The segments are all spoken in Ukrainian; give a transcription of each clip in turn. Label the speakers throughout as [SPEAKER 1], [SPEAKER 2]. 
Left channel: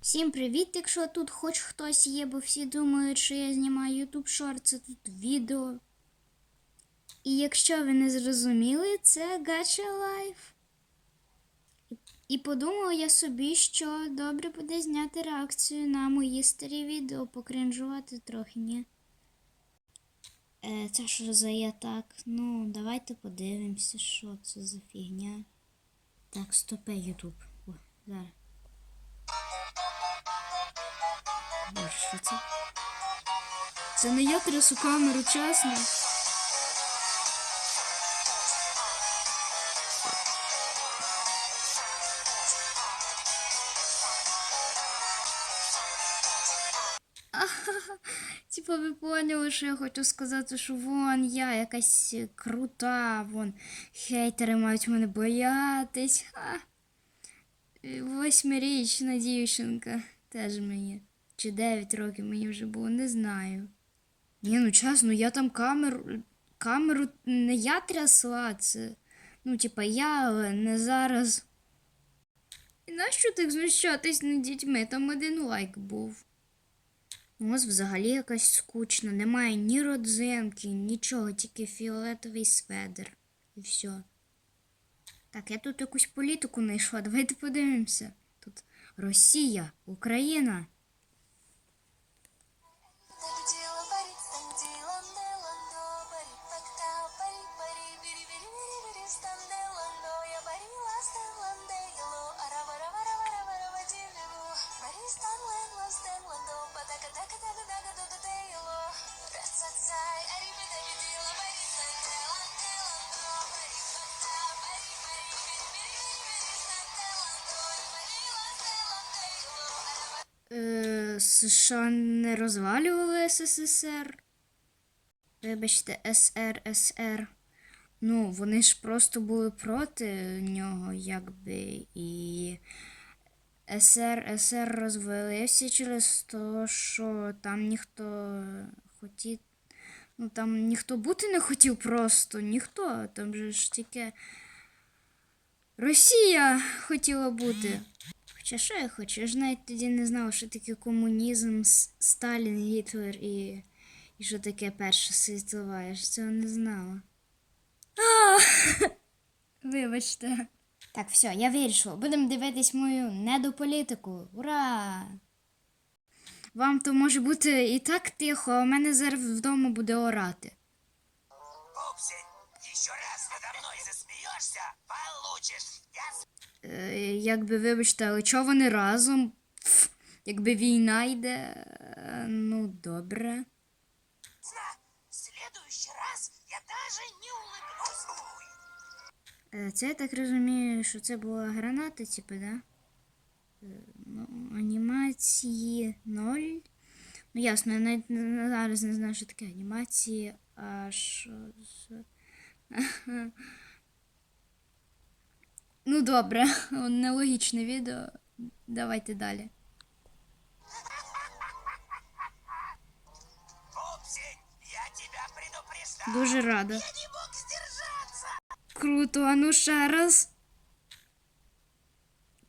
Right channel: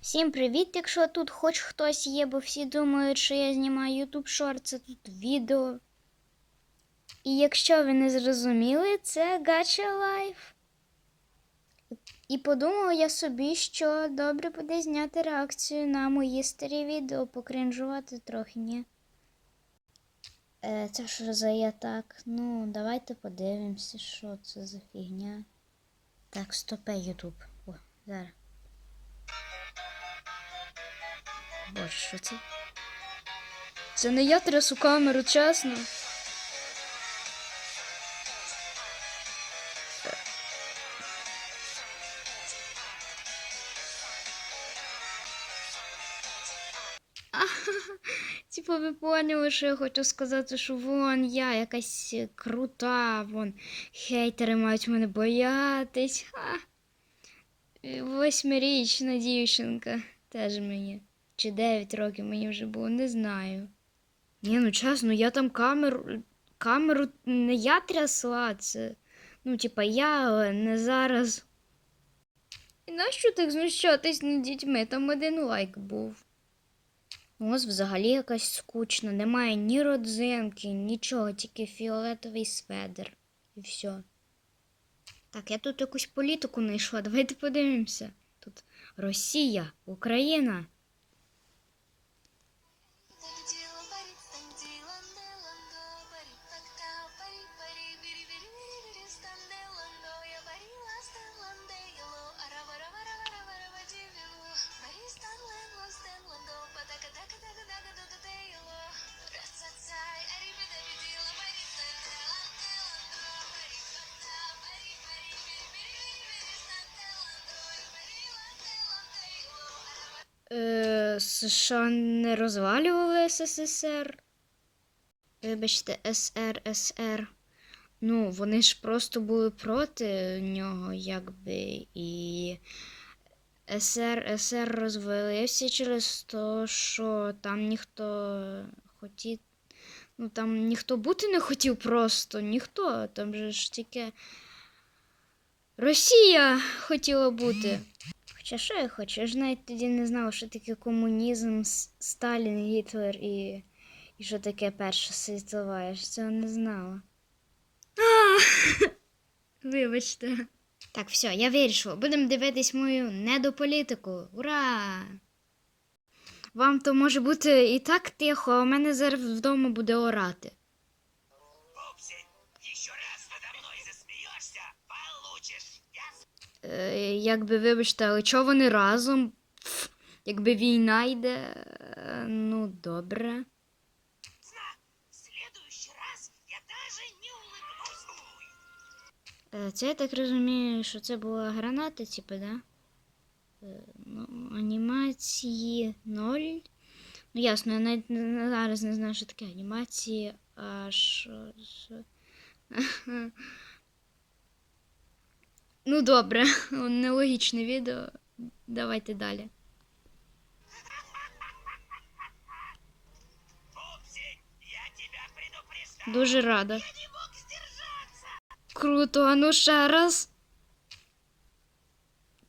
[SPEAKER 1] Всім привіт, якщо тут хоч хтось є, бо всі думають, що я знімаю YouTube Short, це тут відео. І якщо ви не зрозуміли, це Gacha Life. І- подумала я собі, що добре буде зняти реакцію на мої старі відео, покринжувати трохи, ні? Е, це що за я так? Ну, давайте подивимося, що це за фігня. Так, стопе Ютуб. О, зараз. Боже, що це? Це не я трясу камеру, чесно. Типу, ви поняли, що я хочу сказати, що вон я якась крута, вон хейтери мають мене боятись. Восьмирічна дівчинка теж мені. Чи 9 років мені вже було, не знаю. Ні, ну чесно, я там камеру. Камеру не я трясла, це. Ну, типа, я, але не зараз. І нащо так знущатись над дітьми? Там один лайк був. Ось взагалі якась скучна. Немає ні родзинки, нічого, тільки фіолетовий сведер. І все. Так, я тут якусь політику знайшла. Давайте подивимося. Тут Росія, Україна. США не розвалювали СССР. Вибачте, СРСР. Ну, вони ж просто були проти нього, якби, і СРСР розвалився через те, що там ніхто хотів. Ну, там ніхто бути не хотів просто, ніхто. Там же ж тільки Росія хотіла бути. Хоча що я хочу? Я ж навіть тоді не знала, що таке комунізм, Сталін, Гітлер і, і що таке Перша світова. Я ж цього не знала. Вибачте. Так, все, я вирішила. Будемо дивитись мою недополітику. Ура! Вам то може бути і так тихо, а у мене зараз вдома буде орати.
[SPEAKER 2] Пупсик, еще раз надо мной засмеешься, получишь.
[SPEAKER 1] Е, якби, вибачте, але чого вони разом? Якби війна йде. е, Ну, добре. Е, Це я так розумію, що це була граната, типу, да? Ну, анімації 0. Ну, ясно, я навіть зараз не знаю, що таке анімації, а що. Ну, добре, нелогічне відео. Давайте далі. Дуже рада. Круто, а ну ще раз.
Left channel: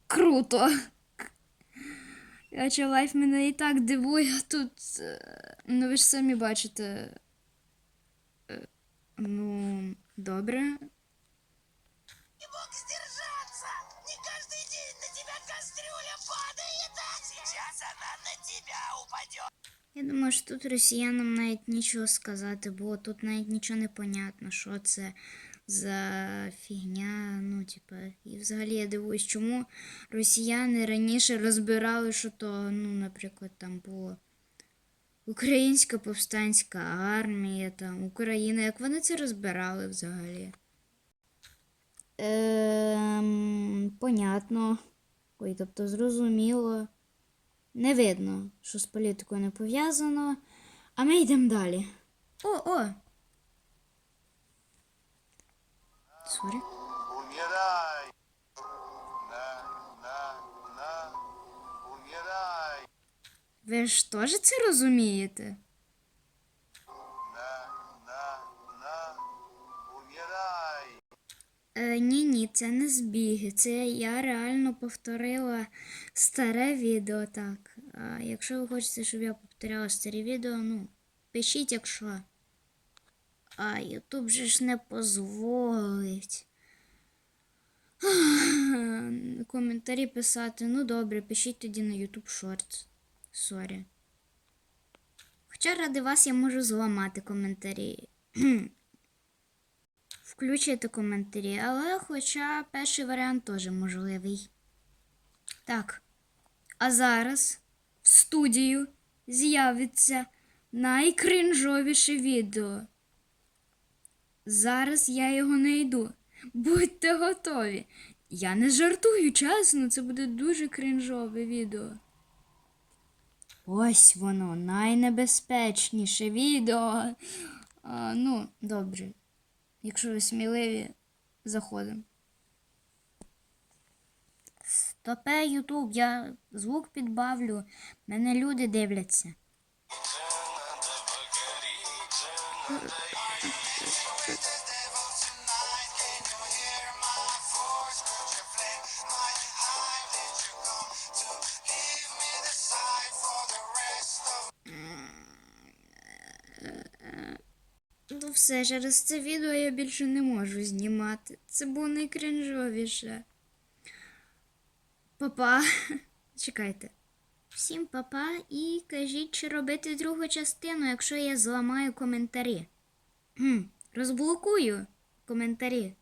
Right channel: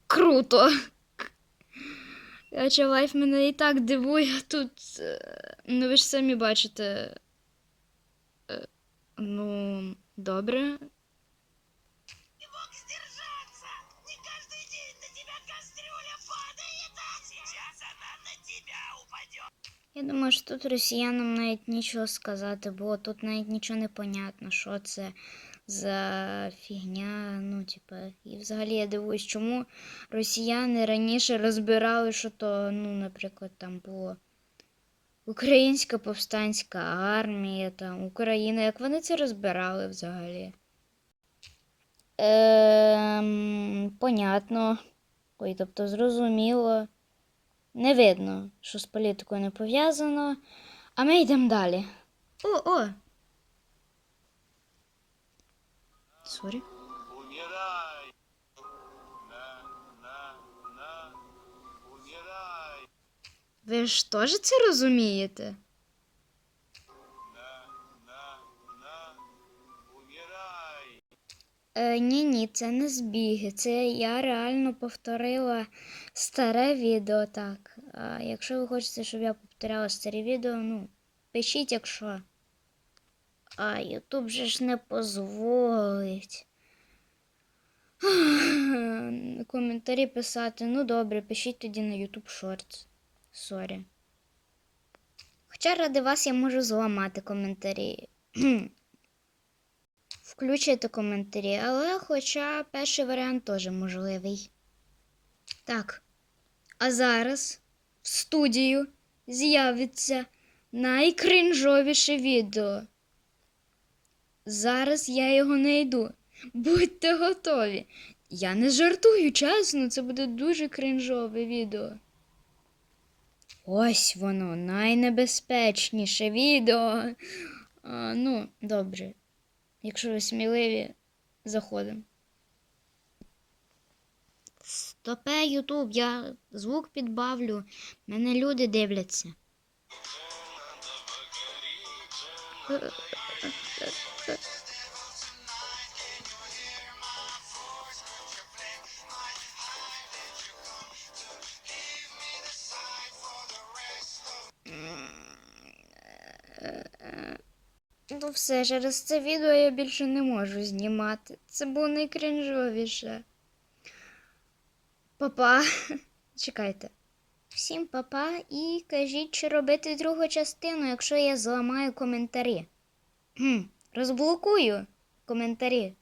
[SPEAKER 1] Круто. Ача лайф мене і так дивує тут. е, Ну ви ж самі бачите. Е, Ну, добре. Я думаю, що тут росіянам навіть нічого сказати, бо тут навіть нічого не понятно, що це за фігня. Ну, типа, і взагалі я дивуюсь, чому росіяни раніше розбирали, що то, ну, наприклад, там було Українська повстанська армія, там, Україна. Як вони це розбирали взагалі? Ем, понятно. Ой, тобто зрозуміло. Не видно, що з політикою не пов'язано. А ми йдемо далі. О, о! Сорі. Ви ж теж це розумієте? Е, ні, ні, це не збіги. Це я реально повторила старе відео так. А якщо ви хочете, щоб я повторяла старі відео, ну, пишіть, якщо. А Ютуб же ж не позволить. Коментарі писати. Ну добре, пишіть тоді на YouTube Shorts. Сорі. Хоча ради вас я можу зламати коментарі. Включити коментарі, але хоча перший варіант теж можливий. Так. А зараз в студію з'явиться найкринжовіше відео. Зараз я його знайду. Будьте готові. Я не жартую, чесно, це буде дуже кринжове відео. Ось воно, найнебезпечніше відео. А, ну, добре. Якщо ви сміливі, заходимо. Стопе, Ютуб, я звук підбавлю. Мене люди дивляться. Ну все, через це відео я більше не можу знімати. Це було найкринжовіше. Папа. Чекайте. Всім папа і кажіть, чи робити другу частину, якщо я зламаю коментарі. Розблокую коментарі.